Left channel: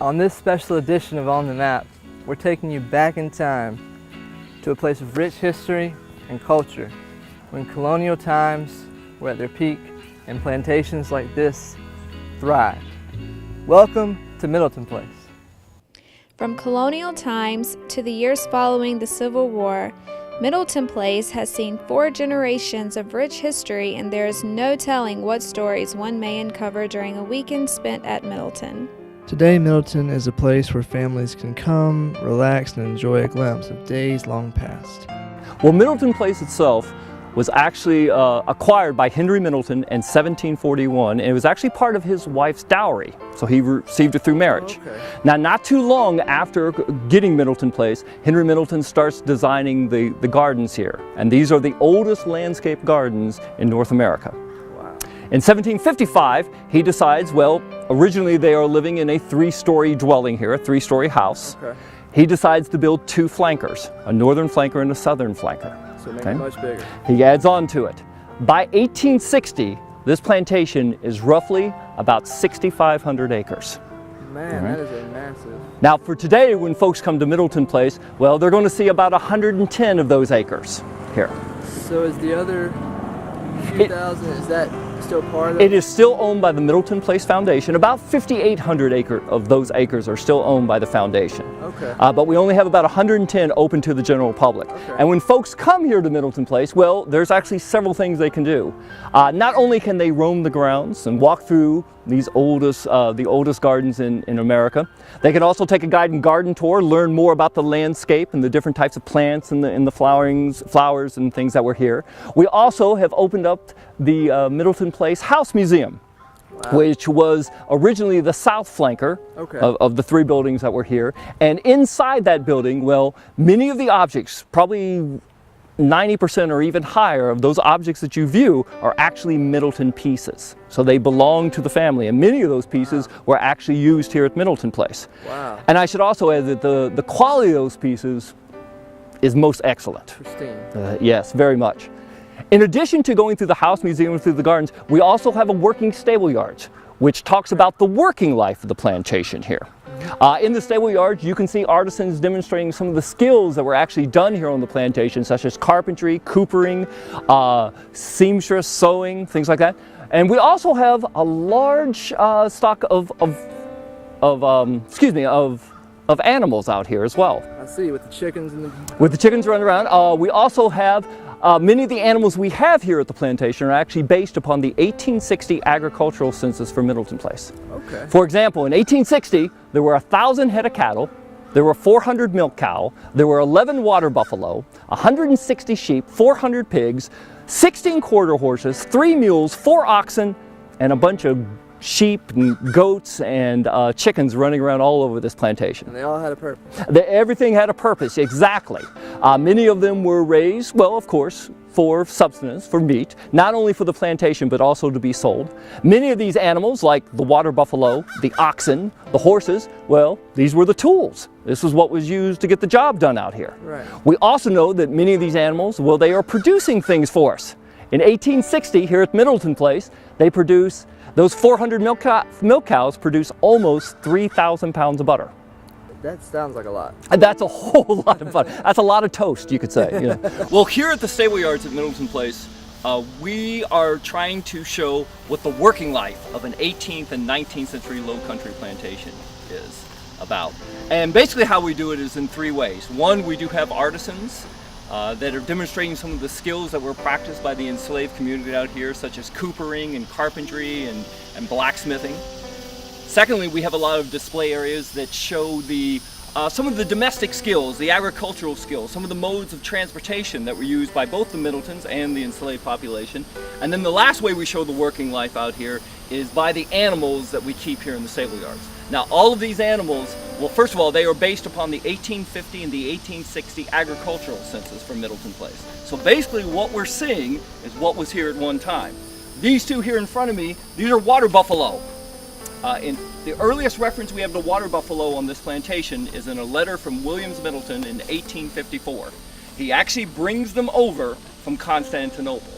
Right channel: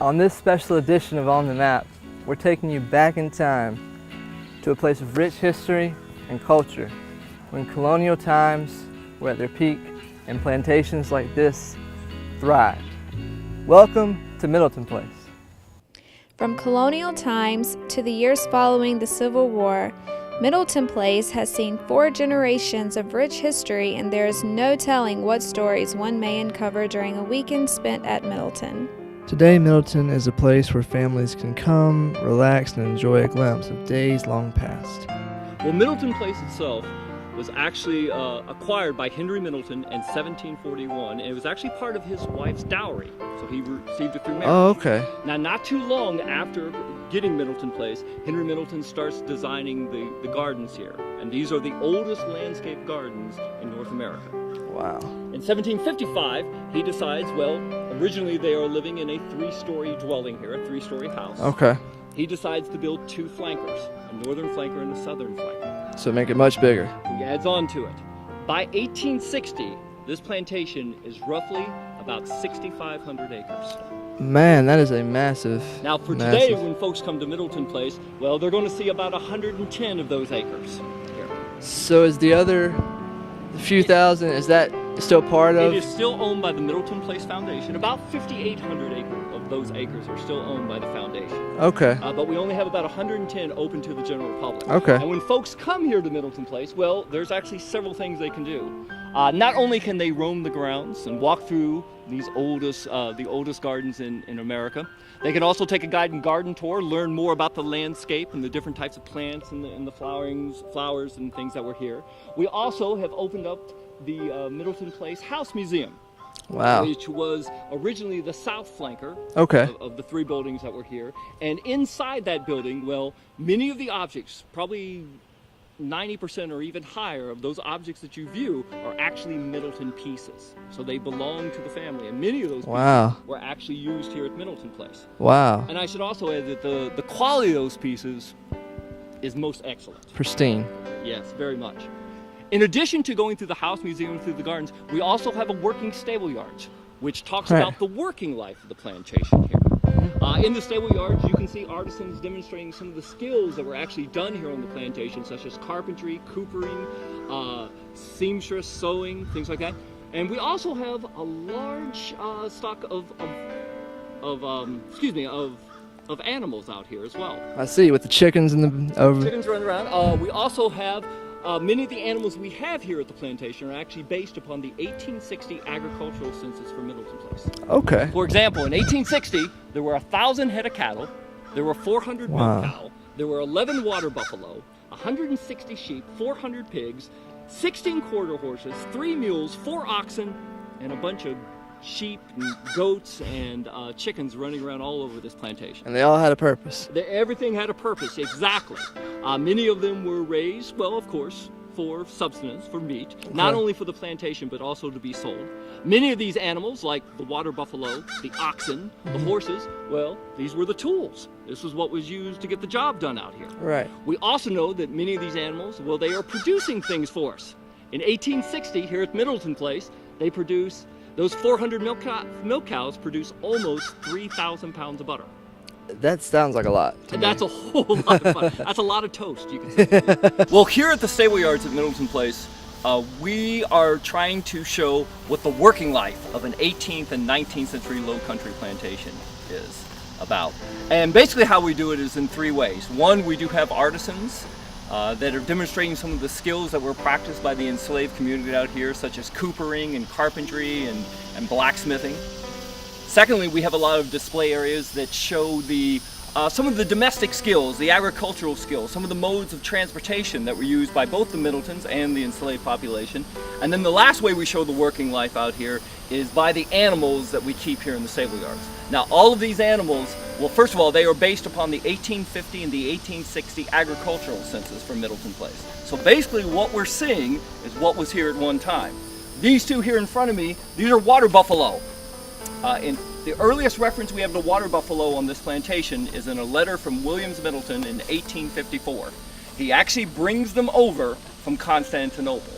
On this special edition of On the Map, we're taking you back in time to a place of rich history and culture when colonial times were at their peak and plantations like this thrived. Welcome to Middleton Place. From colonial times to the years following the Civil War, Middleton Place has seen 4 generations of rich history, and there is no telling what stories one may uncover during a weekend spent at Middleton. Today, Middleton is a place where families can come, relax, and enjoy a glimpse of days long past. Well, Middleton Place itself was actually acquired by Henry Middleton in 1741, and it was actually part of his wife's dowry, so he received it through marriage. Oh, okay. Now, not too long after getting Middleton Place, Henry Middleton starts designing the gardens here, and these are the oldest landscape gardens in North America. Wow. In 1755, he decides, well, originally they are living in a 3-story dwelling here, a 3-story house. Okay. He decides to build 2 flankers, a northern flanker and a southern flanker. So make it much bigger. He adds on to it. By 1860, this plantation is roughly about 6,500 acres. Man, that is a massive. Now for today, when folks come to Middleton Place, well, they're going to see about 110 of those acres here. So is the other few thousand, is that still part of? It is still owned by the Middleton Place Foundation. About 5,800 of those acres are still owned by the foundation. Okay. But we only have about 110 open to the general public. Okay. And when folks come here to Middleton Place, well, there's actually several things they can do. Not only can they roam the grounds and walk through these the oldest gardens in America, they can also take a guided garden tour, learn more about the landscape and the different types of plants and the flowers and things that were here. We also have opened up the Middleton Place House Museum. Wow. Which was originally the south flanker of the 3 buildings that were here. And inside that building, well, many of the objects, probably 90% or even higher of those objects that you view are actually Middleton pieces. So they belong to the family, and many of those pieces were actually used here at Middleton Place. Wow. And I should also add that the quality of those pieces is most excellent. Pristine. Yes, very much. In addition to going through the house museum and through the gardens, we also have a working stable yards, which talks about the working life of the plantation here. In the stable yards, you can see artisans demonstrating some of the skills that were actually done here on the plantation, such as carpentry, coopering, seamstress, sewing, things like that. And we also have a large stock of animals out here as well. I see, with the chickens and the... With the chickens running around. We also have many of the animals we have here at the plantation are actually based upon the 1860 agricultural census for Middleton Place. Okay. For example, in 1860, there were 1,000 head of cattle, there were 400 milk cow, there were 11 water buffalo, 160 sheep, 400 pigs, 16 quarter horses, 3 mules, 4 oxen, and a bunch of sheep and goats and chickens running around all over this plantation. And they all had a purpose. Everything had a purpose, exactly. Many of them were raised, well, of course, for subsistence, for meat, not only for the plantation, but also to be sold. Many of these animals, like the water buffalo, the oxen, the horses, well, these were the tools. This is what was used to get the job done out here. Right. We also know that many of these animals, well, they are producing things for us. In 1860, here at Middleton Place, they produce, those 400 milk cows produce almost 3,000 pounds of butter. That sounds like a lot. That's a whole lot of fun. That's a lot of toast, you could say. You know. Well, here at the stable yards at Middleton Place, we are trying to show what the working life of an 18th and 19th century low country plantation is about. And basically how we do it is in 3 ways. One, we do have artisans that are demonstrating some of the skills that were practiced by the enslaved community out here, such as coopering and carpentry and blacksmithing. Secondly, we have a lot of display areas that show some of the domestic skills, the agricultural skills, some of the modes of transportation that were used by both the Middletons and the enslaved population. And then the last way we show the working life out here is by the animals that we keep here in the stable yards. Now, all of these animals, well, first of all, they are based upon the 1850 and the 1860 agricultural census for Middleton Place. So basically what we're seeing is what was here at one time. These 2 here in front of me, these are water buffalo. In the earliest reference we have to water buffalo on this plantation is in a letter from Williams Middleton in 1854. He actually brings them over from Constantinople.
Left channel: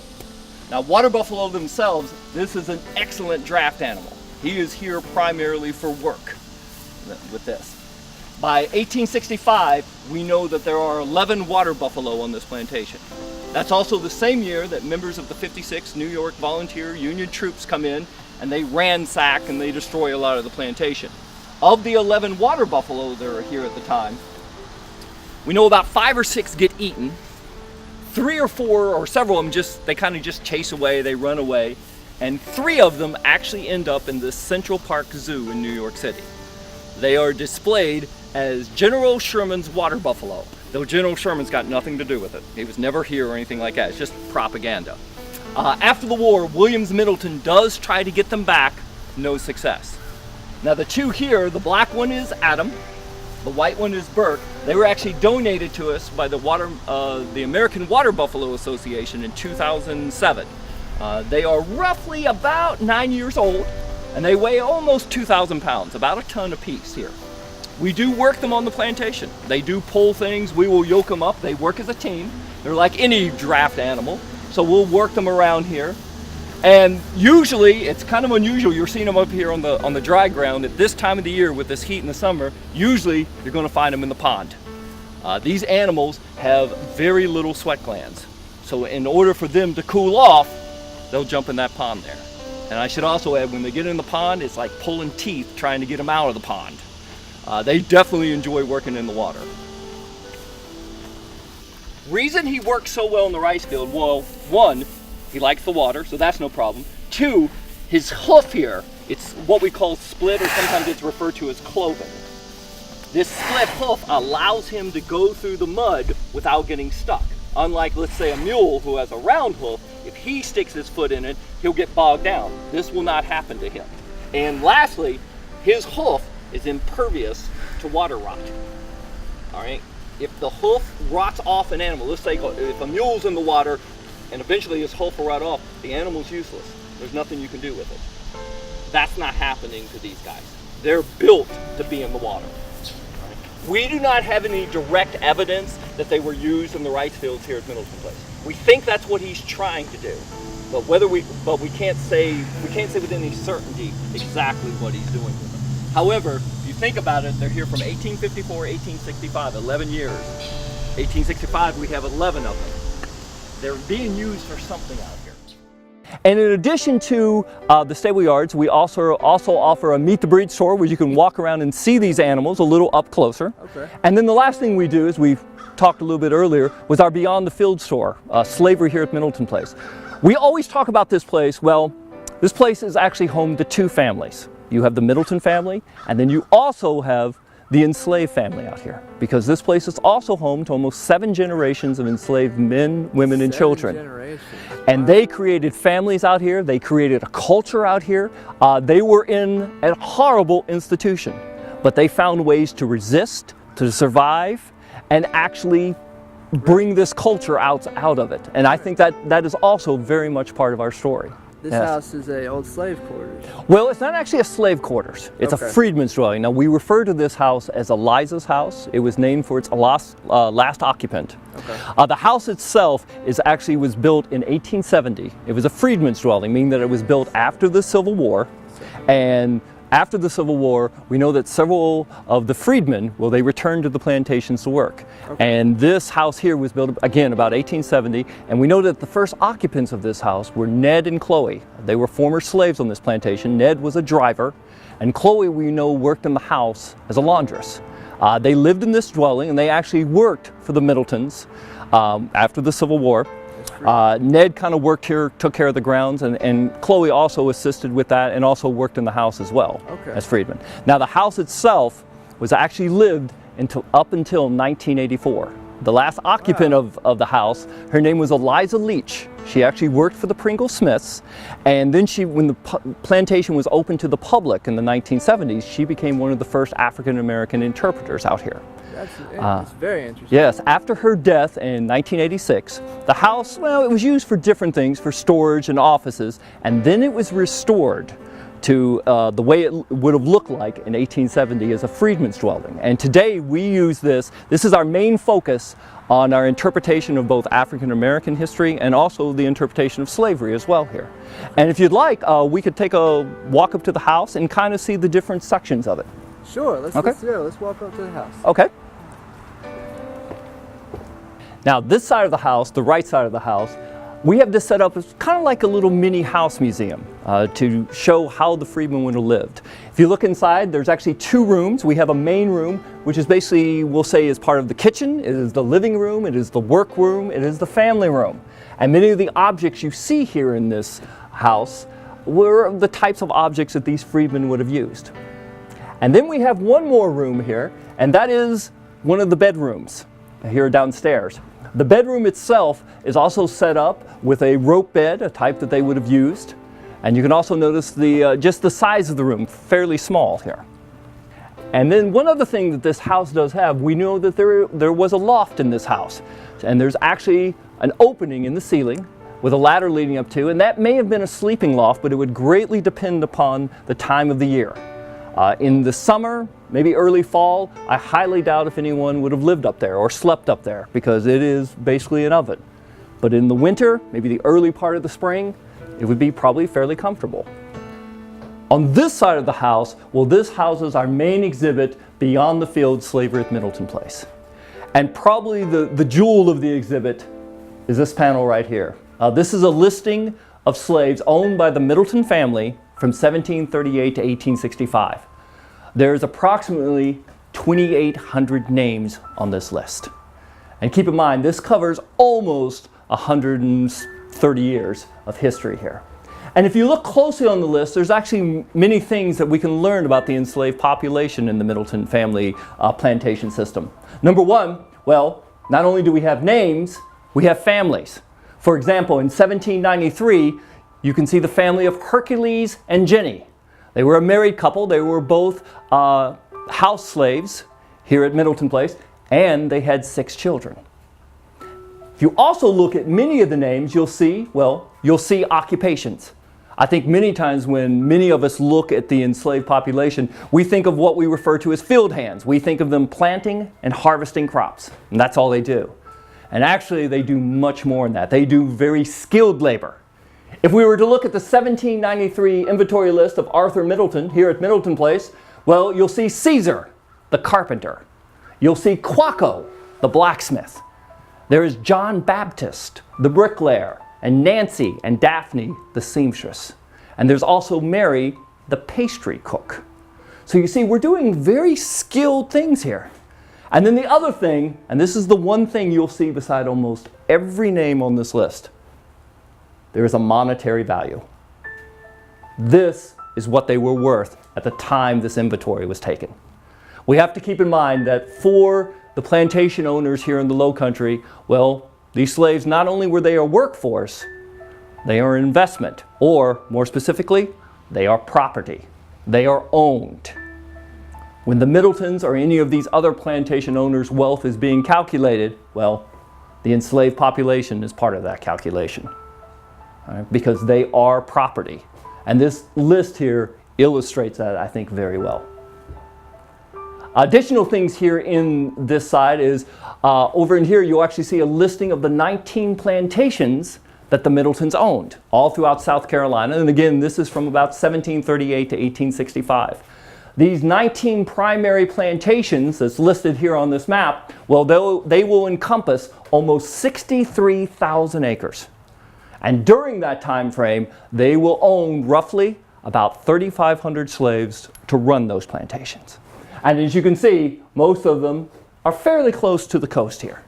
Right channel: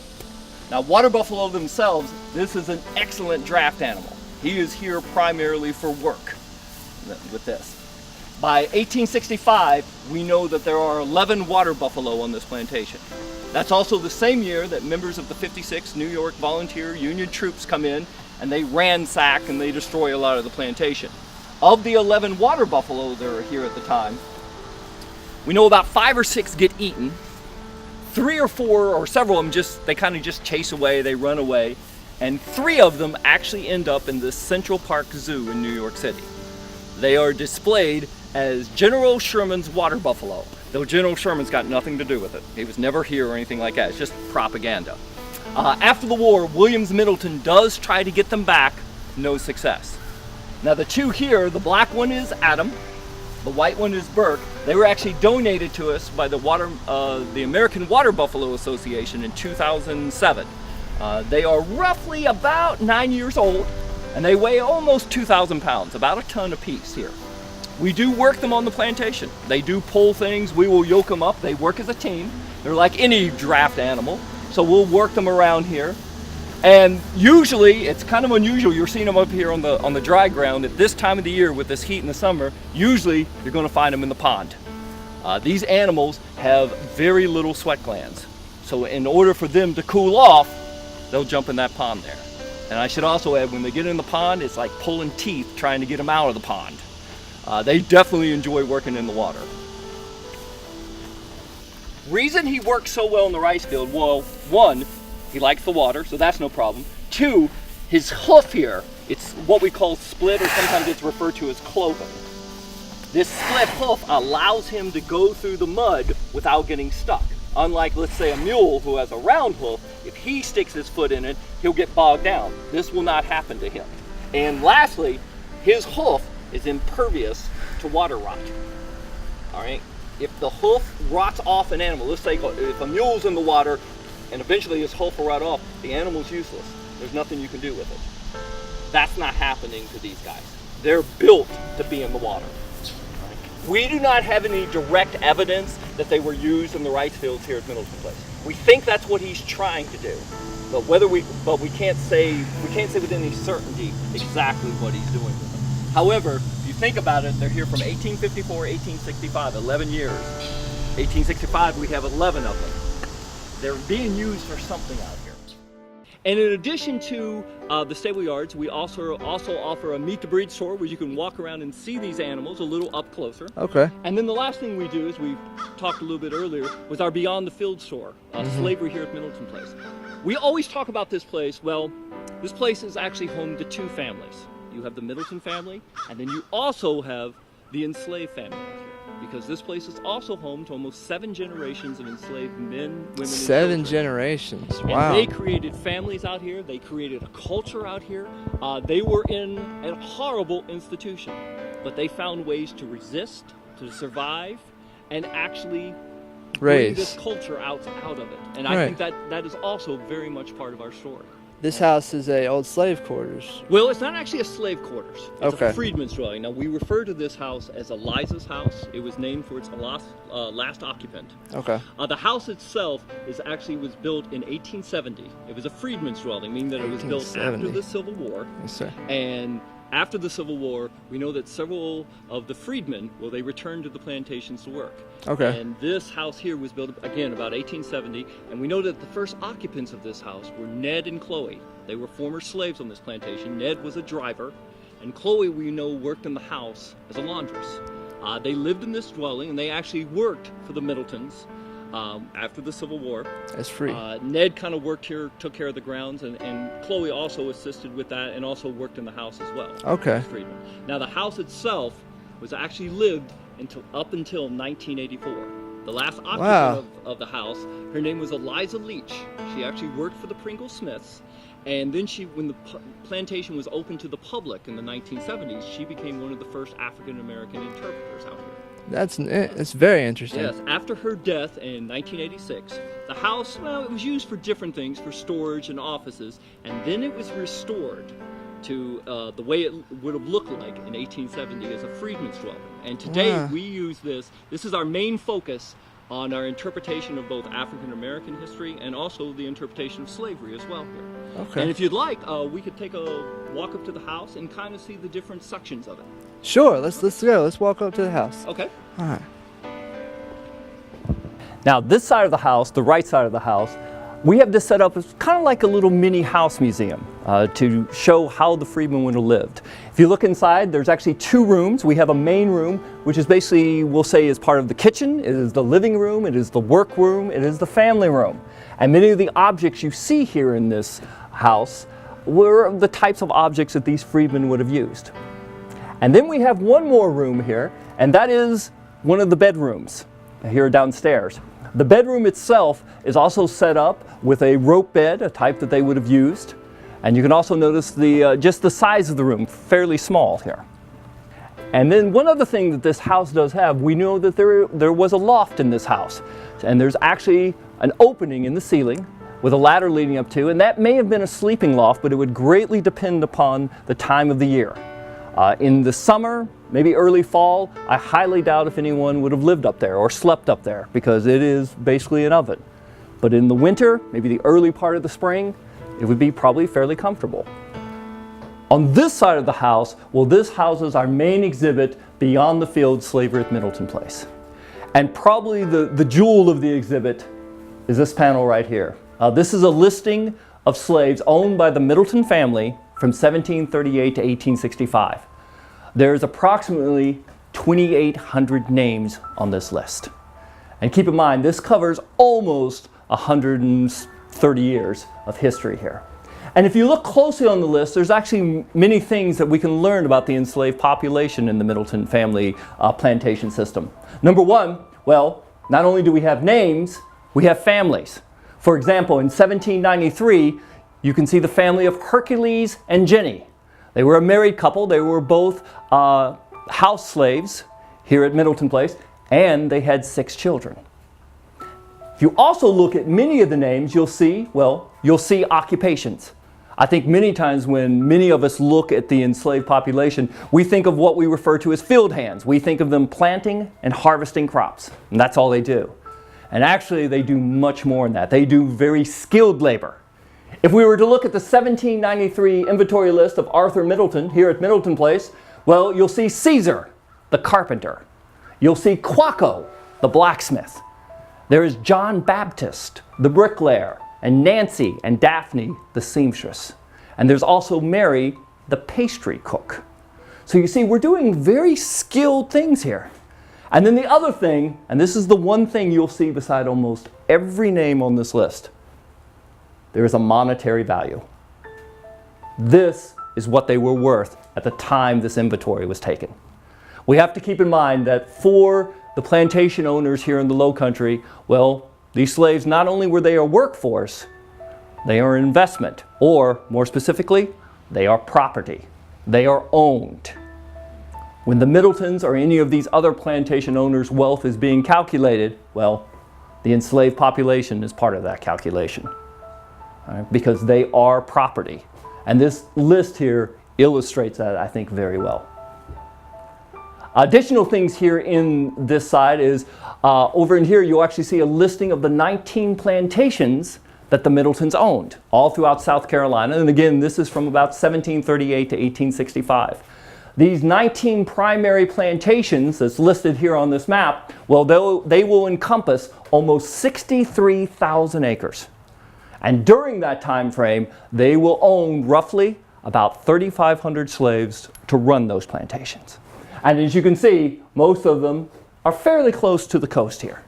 Now, water buffalo themselves, this is an excellent draft animal. He is here primarily for work. with this. By 1865, we know that there are 11 water buffalo on this plantation. That's also the same year that members of the 56 New York Volunteer Union troops come in and they ransack and they destroy a lot of the plantation. Of the 11 water buffalo that are here at the time, we know about 5 or 6 get eaten. 3 or 4 or several of them they kind of just chase away, they run away. And 3 of them actually end up in the Central Park Zoo in New York City. They are displayed as General Sherman's water buffalo, though General Sherman's got nothing to do with it. He was never here or anything like that. It's just propaganda. After the war, Williams Middleton does try to get them back, no success. Now the 2 here, the black one is Adam, the white one is Burke. They were actually donated to us by the American Water Buffalo Association in 2007. They are roughly about 9 years old, and they weigh almost 2,000 pounds, about a ton apiece here. We do work them on the plantation. They do pull things, we will yoke them up, they work as a team. They're like any draft animal, so we'll work them around here. And usually, it's kind of unusual, you're seeing them up here on the dry ground at this time of the year with this heat in the summer. Usually, you're gonna find them in the pond. These animals have very little sweat glands. So in order for them to cool off, they'll jump in that pond there. And I should also add, when they get in the pond, it's like pulling teeth trying to get them out of the pond. They definitely enjoy working in the water. Reason he works so well in the rice field, well, 1, he likes the water, so that's no problem. 2, his hoof here, it's what we call split, or sometimes it's referred to as cloven. This split hoof allows him to go through the mud without getting stuck. Unlike, let's say, a mule who has a round hoof, if he sticks his foot in it, he'll get bogged down. This will not happen to him. And lastly, his hoof is impervious to water rot. All right? If the hoof rots off an animal, let's say if a mule's in the water and eventually his hoof will rot off, the animal's useless. There's nothing you can do with it. That's not happening to these guys. They're built to be in the water. We do not have any direct evidence that they were used in the rice fields here at Middleton Place. We think that's what he's trying to do, but we can't say with any certainty exactly what he's doing with them. However, if you think about it, they're here from 1854, 1865, 11 years. 1865, we have 11 of them. They're being used for something out here. And in addition to the stable yards, we also offer a meet the breed store where you can walk around and see these animals a little up closer. Okay. And then the last thing we do, is we've talked a little bit earlier, was our Beyond the Field store, slavery here at Middleton Place. We always talk about this place. Well, this place is actually home to 2 families. You have the Middleton family, and then you also have the enslaved family out here, because this place is also home to almost 7 generations of enslaved men, women, and children. 7 generations. Wow. And they created families out here. They created a culture out here. They were in a horrible institution, but they found ways to resist, to survive, and actually bring this culture out of it. And I think that is also very much part of our story. This house is a old slave quarters. Well, it's not actually a slave quarters. It's a freedman's dwelling. Now, we refer to this house as Eliza's house. It was named for its last occupant. Okay. The house itself was built in 1870. It was a freedman's dwelling, meaning that it was built after the Civil War. Yes, and after the Civil War, we know that several of the freedmen, they returned to the plantations to work. Okay. And this house here was built, again, about 1870, and we know that the first occupants of this house were Ned and Chloe. They were former slaves on this plantation. Ned was a driver, and Chloe, we know, worked in the house as a laundress. They lived in this dwelling, and they actually worked for the Middletons after the Civil War. Ned kind of worked here, took care of the grounds, and Chloe also assisted with that and also worked in the house as well as freedmen. Now, the house itself was actually lived up until 1984. The last occupant of the house, her name was Eliza Leach. She actually worked for the Pringle Smiths, and then when the plantation was open to the public in the 1970s, she became one of the first African-American interpreters out here. That's very interesting. Yes, after her death in 1986, the house, it was used for different things, for storage and offices, and then it was restored to the way it would have looked like in 1870 as a freedman's dwelling. And today we use this is our main focus on our interpretation of both African American history and also the interpretation of slavery as well here. And if you'd like, we could take a walk up to the house and kind of see the different sections of it. Sure, let's Okay. go. Let's walk up to the house. Okay. All right. Now this side of the house, the right side of the house, we have this set up as kind of like a little mini house museum to show how the freedmen would have lived. If you look inside, there's actually two rooms. We have a main room, which is basically, we'll say, is part of the kitchen. It is the living room, it is the work room, it is the family room. And many of the objects you see here in this house were the types of objects that these freedmen would have used. And then we have one more room here, and that is one of the bedrooms here downstairs. The bedroom itself is also set up with a rope bed, a type that they would have used. And you can also notice just the size of the room, fairly small here. And then one other thing that this house does have, we know that there was a loft in this house. And there's actually an opening in the ceiling with a ladder leading up to, and that may have been a sleeping loft, but it would greatly depend upon the time of the year. In the summer, maybe early fall, I highly doubt if anyone would have lived up there or slept up there because it is basically an oven. But in the winter, maybe the early part of the spring, it would be probably fairly comfortable. On this side of the house, well, this houses our main exhibit, Beyond the Field, Slavery at Middleton Place. And probably the jewel of the exhibit is this panel right here. This is a listing of slaves owned by the Middleton family from 1738 to 1865. There's approximately 2,800 names on this list. And keep in mind, this covers almost 130 years of history here. And if you look closely on the list, there's actually many things that we can learn about the enslaved population in the Middleton family plantation system. Number one, well, not only do we have names, we have families. For example, in 1793, you can see the family of Hercules and Jenny. They were a married couple. They were both house slaves here at Middleton Place, and they had 6 children. If you also look at many of the names, you'll see occupations. I think many times when many of us look at the enslaved population, we think of what we refer to as field hands. We think of them planting and harvesting crops, and that's all they do. And actually, they do much more than that. They do very skilled labor. If we were to look at the 1793 inventory list of Arthur Middleton here at Middleton Place, well, you'll see Caesar, the carpenter. You'll see Quaco, the blacksmith. There is John Baptist, the bricklayer, and Nancy and Daphne, the seamstress. And there's also Mary, the pastry cook. So you see, we're doing very skilled things here. And then the other thing, and this is the one thing you'll see beside almost every name on this list, there is a monetary value. This is what they were worth at the time this inventory was taken. We have to keep in mind that for the plantation owners here in the Low Country, well, these slaves, not only were they a workforce, they are an investment, or more specifically, they are property. They are owned. When the Middletons or any of these other plantation owners' wealth is being calculated, well, the enslaved population is part of that calculation. Because they are property. And this list here illustrates that, I think, very well. Additional things here in this side is, over in here you'll actually see a listing of the 19 plantations that the Middletons owned, all throughout South Carolina. And again, this is from about 1738 to 1865. These 19 primary plantations that's listed here on this map, well, they will encompass almost 63,000 acres. And during that time frame, they will own roughly about 3,500 slaves to run those plantations. And as you can see, most of them are fairly close to the coast here.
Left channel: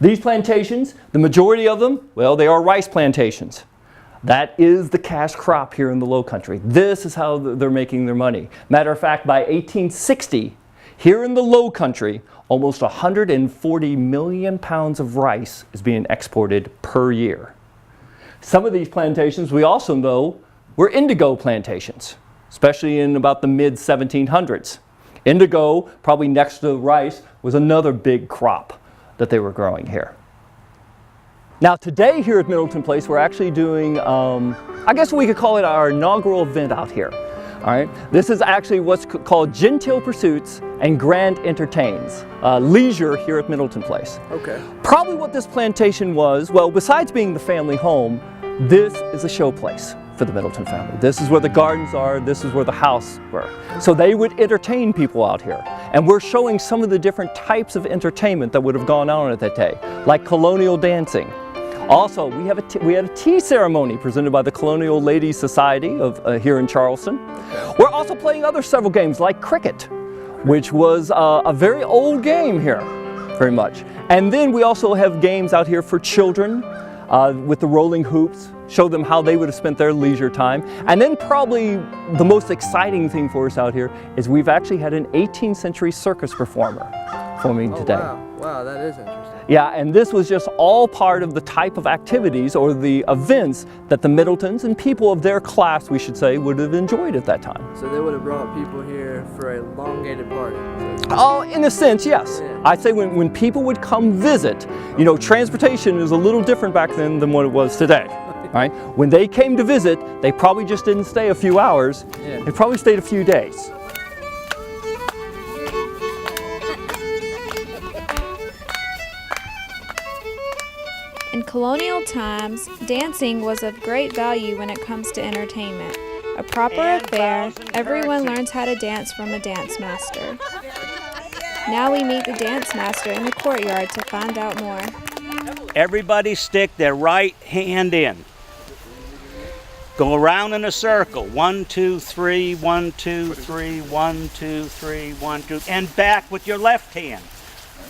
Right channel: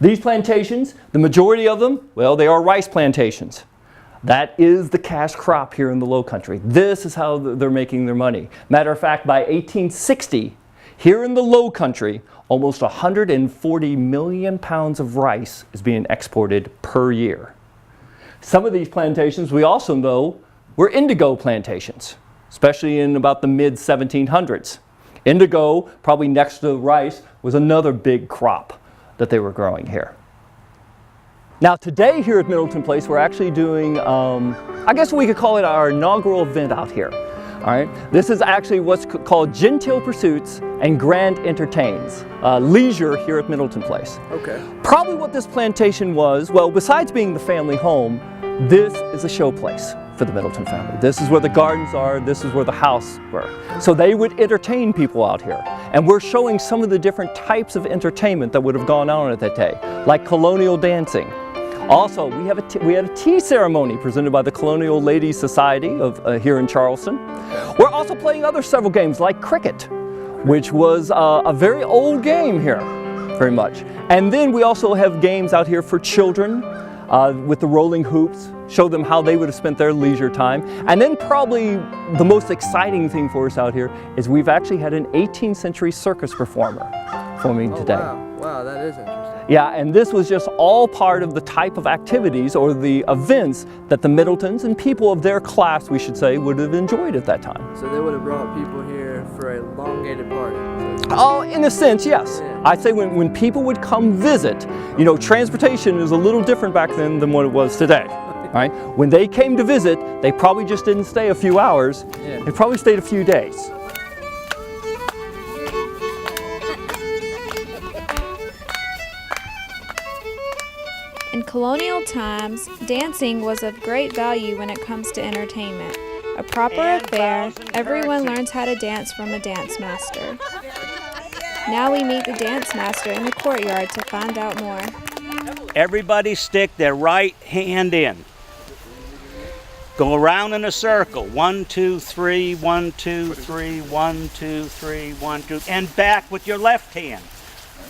These plantations, the majority of them, well, they are rice plantations. That is the cash crop here in the Low Country. This is how they're making their money. Matter of fact, by 1860, here in the Low Country, almost 140 million pounds of rice is being exported per year. Some of these plantations we also know were indigo plantations, especially in about the mid-1700s. Indigo, probably next to rice, was another big crop that they were growing here. Now today here at Middleton Place, we're actually doing, I guess we could call it our inaugural event out here. All right, this is actually what's called Genteel Pursuits and Grand Entertains, leisure here at Middleton Place. Okay. Probably what this plantation was, well, besides being the family home, this is a show place. for the Middleton family. This is where the gardens are, this is where the house were. So they would entertain people out here. And we're showing some of the different types of entertainment that would have gone on at that day, like colonial dancing. Also, we had a tea ceremony presented by the Colonial Ladies Society of here in Charleston. We're also playing several games like cricket, which was a very old game here, very much. And then we also have games out here for children with the rolling hoops, show them how they would have spent their leisure time. And then probably the most exciting thing for us out here is we've actually had an 18th century circus performer performing today. Wow, that is interesting. Yeah, and this was just all part of the type of activities or the events that the Middletons and people of their class, we should say, would have enjoyed at that time. So they would have brought people here for a elongated party. Oh, in a sense, yes. Yeah. I'd say when people would come visit, you know, transportation is a little different back then than what it was today. Right? When they came to visit, they probably just didn't stay a few hours. Yeah. They probably stayed a few days. In colonial times, dancing was of great value when it comes to entertainment. A proper affair, everyone learns how to dance from a dance master. Now we meet the dance master in the courtyard to find out more. Everybody stick their right hand in. Go around in a circle. 1, 2, 3, 1, 2, 3, 1, 2, 3, 1, 2, and back with your left hand.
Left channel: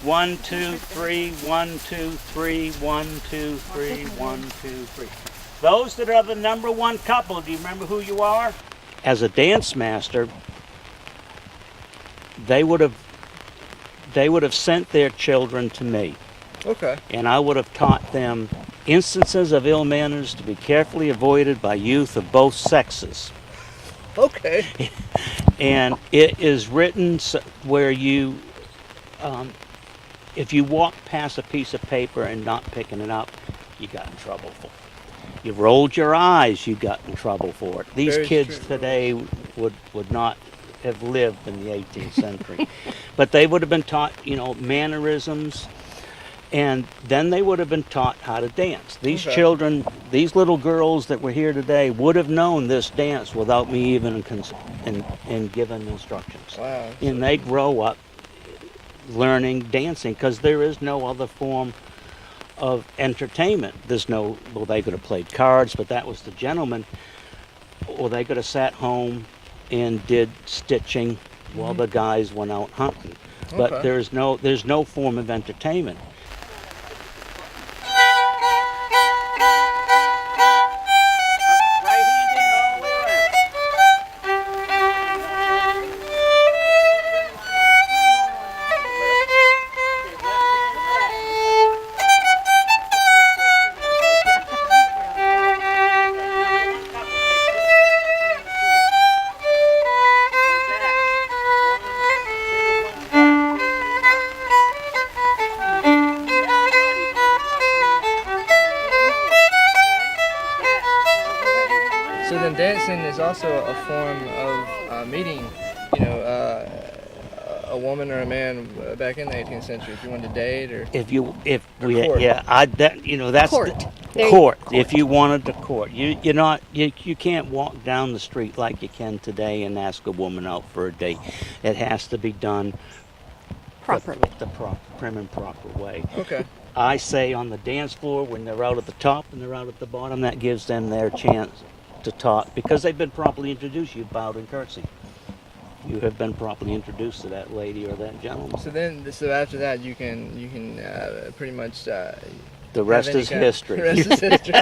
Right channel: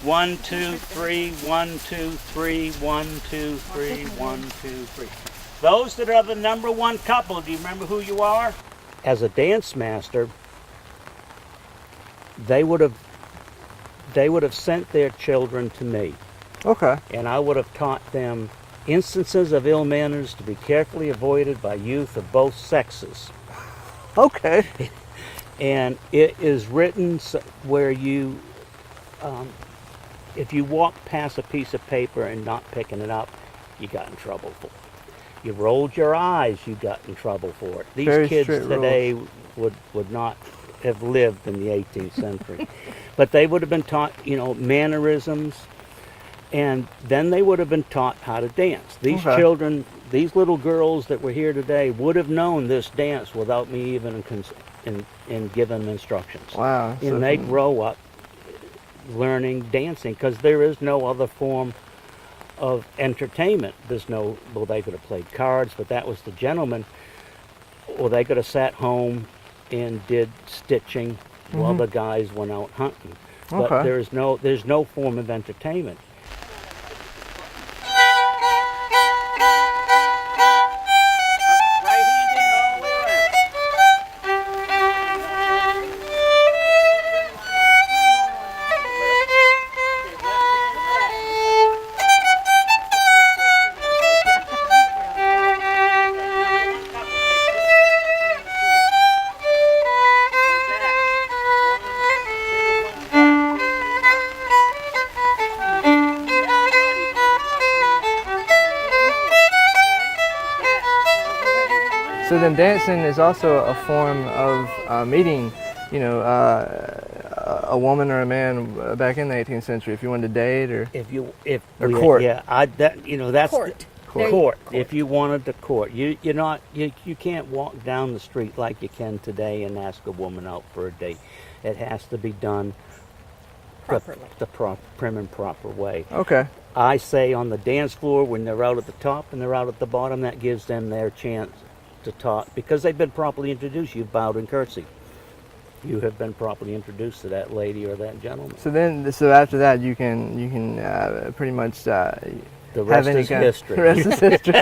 1, 2, 3, 1, 2, 3, 1, 2, 3, 1, 2, 3. Those that are the number one couple, do you remember who you are? As a dance master, they would have sent their children to me. Okay. And I would have taught them instances of ill manners to be carefully avoided by youth of both sexes. Okay. And it is written where you, if you walk past a piece of paper and not picking it up, you got in trouble for it. You rolled your eyes, you got in trouble for it. These Very kids strict today would not have lived in the 18th century. But they would have been taught, you know, mannerisms, and then they would have been taught how to dance. These children, these little girls that were here today would have known this dance without me even in giving instructions. Wow. And they grow up learning dancing because there is no other form of entertainment. There's no, well, they could have played cards, but that was the gentleman. Or they could have sat home and did stitching while the guys went out hunting. But there's no form of entertainment. So then dancing is also a form of meeting, you know, a woman or a man back in the 18th century if you wanted to date or court. Yeah, you know, that's court. Court. If you wanted to court, you can't walk down the street like you can today and ask a woman out for a date. It has to be done properly, the prim and proper way. Okay. I say on the dance floor when they're out at the top and they're out at the bottom, that gives them their chance to talk because they've been properly introduced. You bowed and curtsied. You have been properly introduced to that lady or that gentleman. So after that, you can pretty much the rest is history. The rest is history.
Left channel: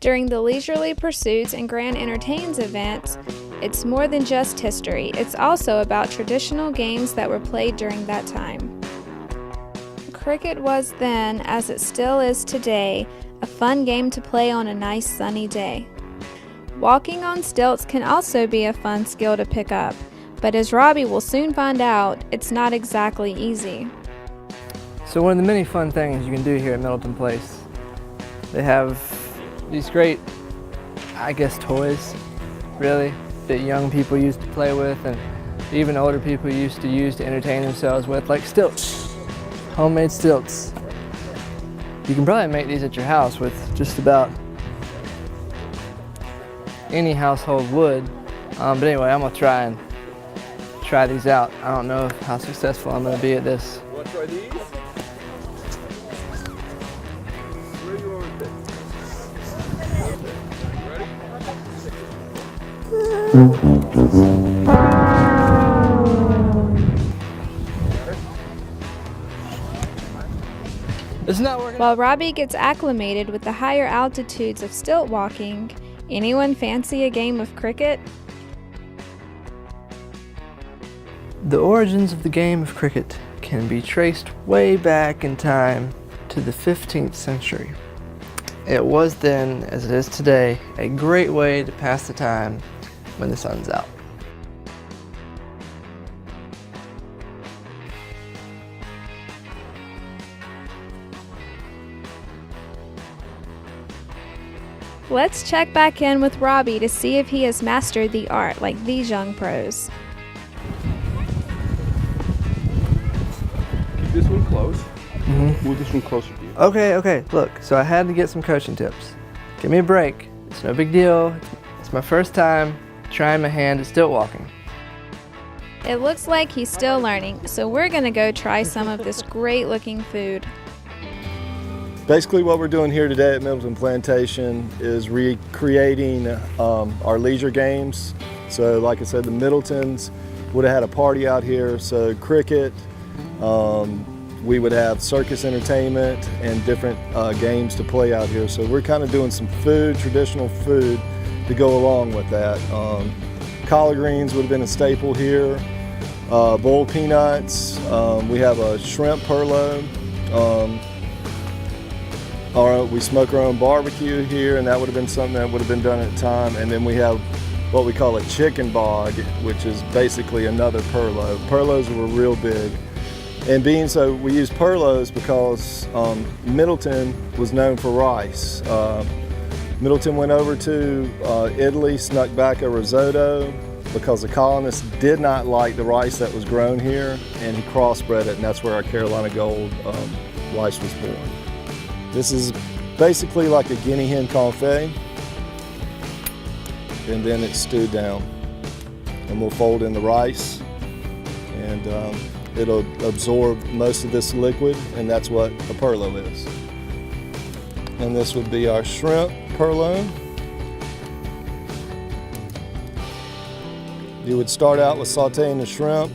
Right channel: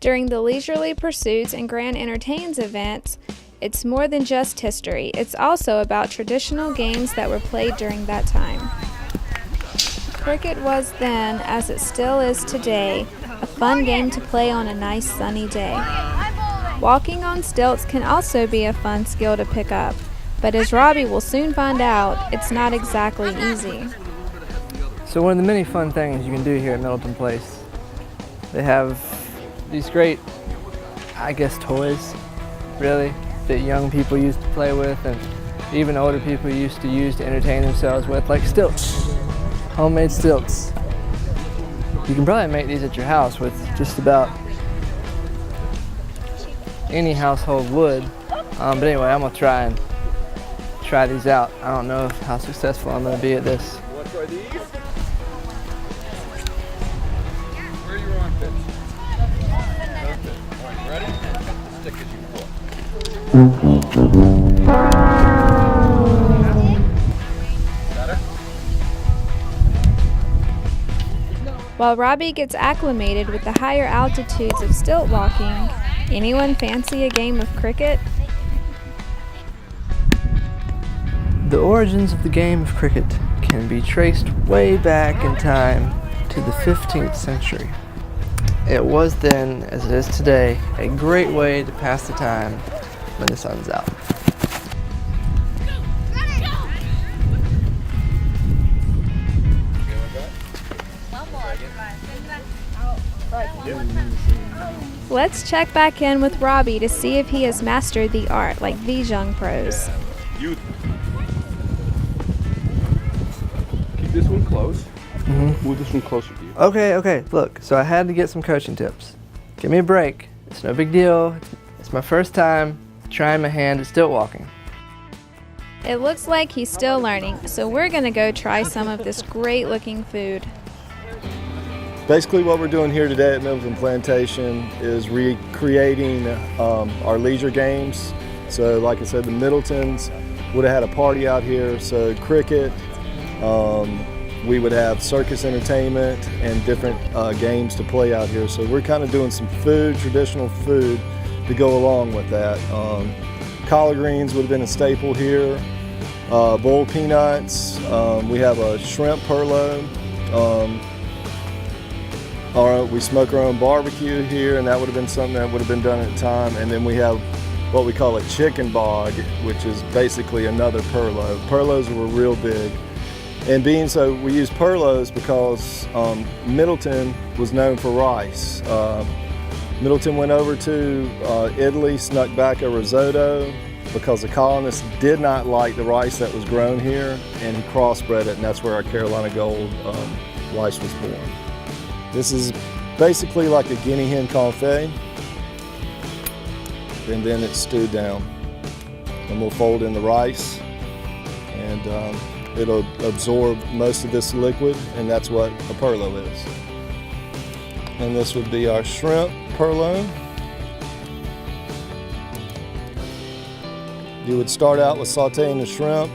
During the leisurely pursuits and grand entertains events, it's more than just history. It's also about traditional games that were played during that time. Cricket was then, as it still is today, a fun game to play on a nice sunny day. Walking on stilts can also be a fun skill to pick up, but as Robbie will soon find out, it's not exactly easy. So one of the many fun things you can do here at Middleton Place, they have these great, I guess, toys, really, that young people used to play with and even older people used to use to entertain themselves with, like stilts, homemade stilts. You can probably make these at your house with just about any household wood. But anyway, I'm gonna try these out. I don't know how successful I'm gonna be at this. You want to try these? Where do you want to Isn't that working? While Robbie gets acclimated with the higher altitudes of stilt walking, anyone fancy a game of cricket? The origins of the game of cricket can be traced way back in time to the 15th century. It was then, as it is today, a great way to pass the time when the sun's out. Let's check back in with Robbie to see if he has mastered the art like these young pros. Keep this one close. Move this one closer to you. Okay, look, so I had to get some coaching tips. Give me a break. It's no big deal. It's my first time trying my hand at stilt walking. It looks like he's still learning, so we're gonna go try some of this great looking food. Basically what we're doing here today at Middleton Plantation is recreating our leisure games. So like I said, the Middletons would have had a party out here, so cricket, we would have circus entertainment and different games to play out here. So we're kind of doing some food, traditional food, to go along with that. Collard greens would have been a staple here, boiled peanuts, we have a shrimp purloin. We smoke our own barbecue here, and that would have been something that would have been done at the time. And then we have what we call a chicken bog, which is basically another purloin. Purloins were real big. And being so, we use purloins because Middleton was known for rice. Middleton went over to Italy, snuck back a risotto because the colonists did not like the rice that was grown here, and he crossbred it, and that's where our Carolina Gold rice was born. This is basically like a guinea hen confit, and then it's stewed down. And we'll fold in the rice, and it'll absorb most of this liquid, and that's what a purloin is. And this would be our shrimp purloin. You would start out with sauteing the shrimp,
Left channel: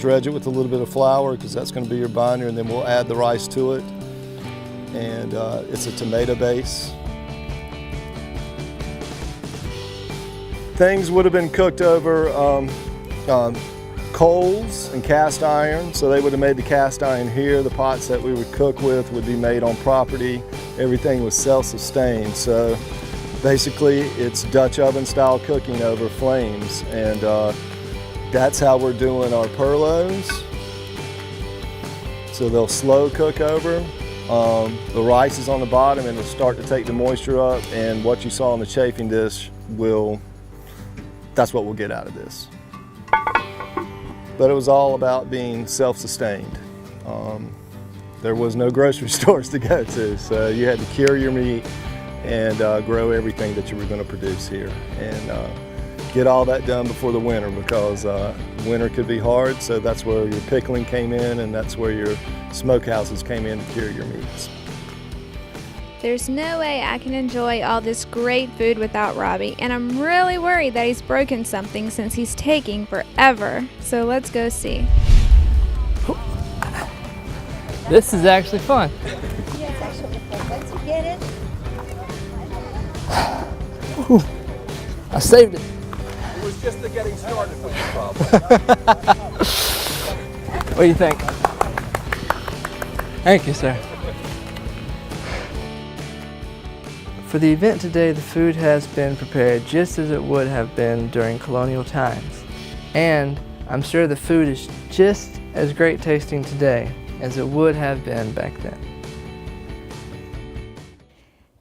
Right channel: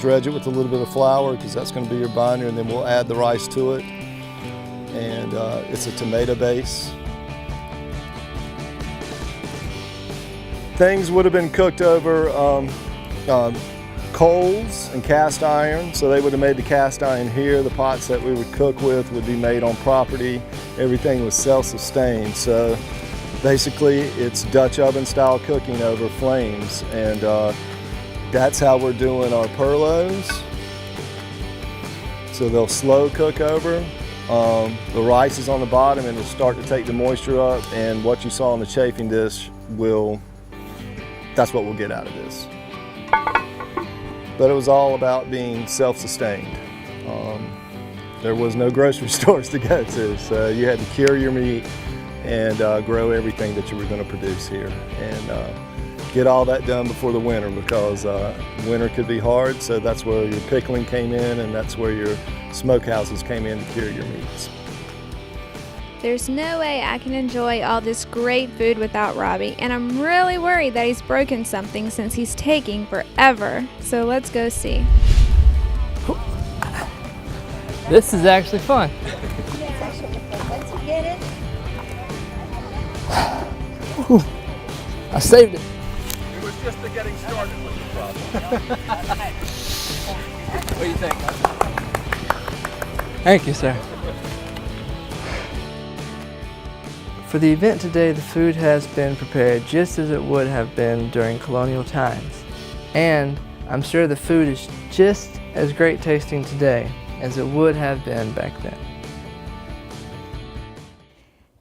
dredge it with a little bit of flour because that's going to be your binder, and then we'll add the rice to it. And it's a tomato base. Things would have been cooked over coals and cast iron, so they would have made the cast iron here. The pots that we would cook with would be made on property. Everything was self-sustained, so basically it's Dutch oven style cooking over flames, and that's how we're doing our purloins. So they'll slow cook over. The rice is on the bottom, and it'll start to take the moisture up, and what you saw on the chafing dish that's what we'll get out of this. But it was all about being self-sustained. There was no grocery stores to go to, so you had to cure your meat and grow everything that you were going to produce here, and get all that done before the winter, because winter could be hard. So that's where your pickling came in, and that's where your smokehouses came in to cure your meats. There's no way I can enjoy all this great food without Robbie, and I'm really worried that he's broken something since he's taking forever. So let's go see. This is actually fun. Yeah, it's actually fun. Once you get it, Whew. I saved it. It was just the getting started. What do you think? Thank you, sir. For the event today, the food has been prepared just as it would have been during colonial times. And I'm sure the food is just as great tasting today as it would have been back then.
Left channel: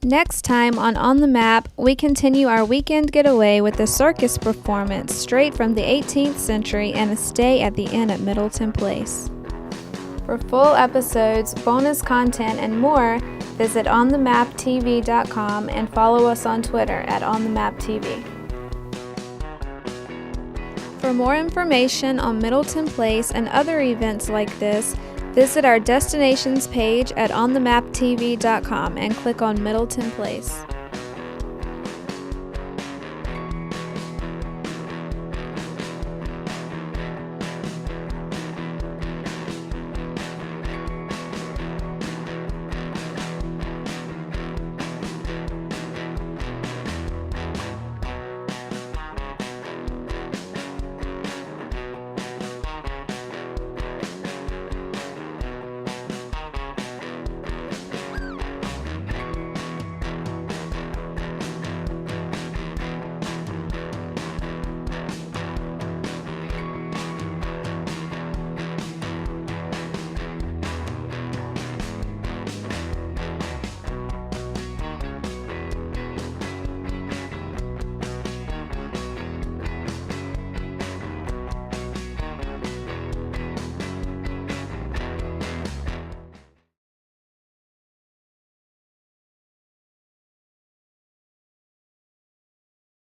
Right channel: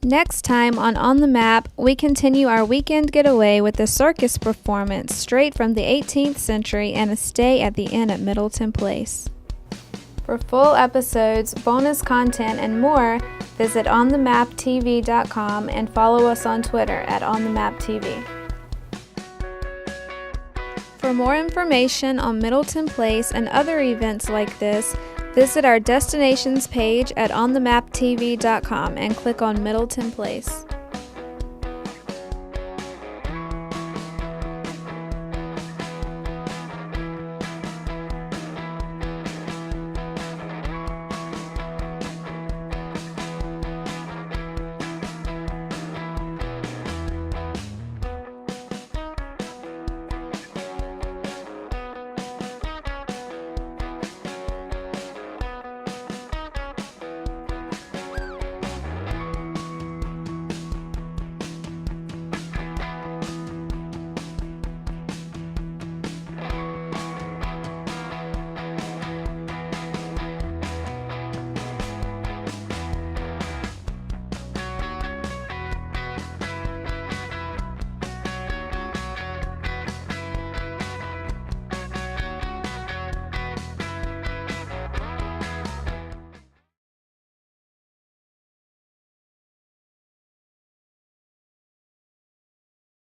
Next time on the Map, we continue our weekend getaway with a circus performance straight from the 18th century and a stay at the inn at Middleton Place. For full episodes, bonus content, and more, visit onthemaptv.com and follow us on Twitter at onthemaptv. For more information on Middleton Place and other events like this, visit our destinations page at onthemaptv.com and click on Middleton Place.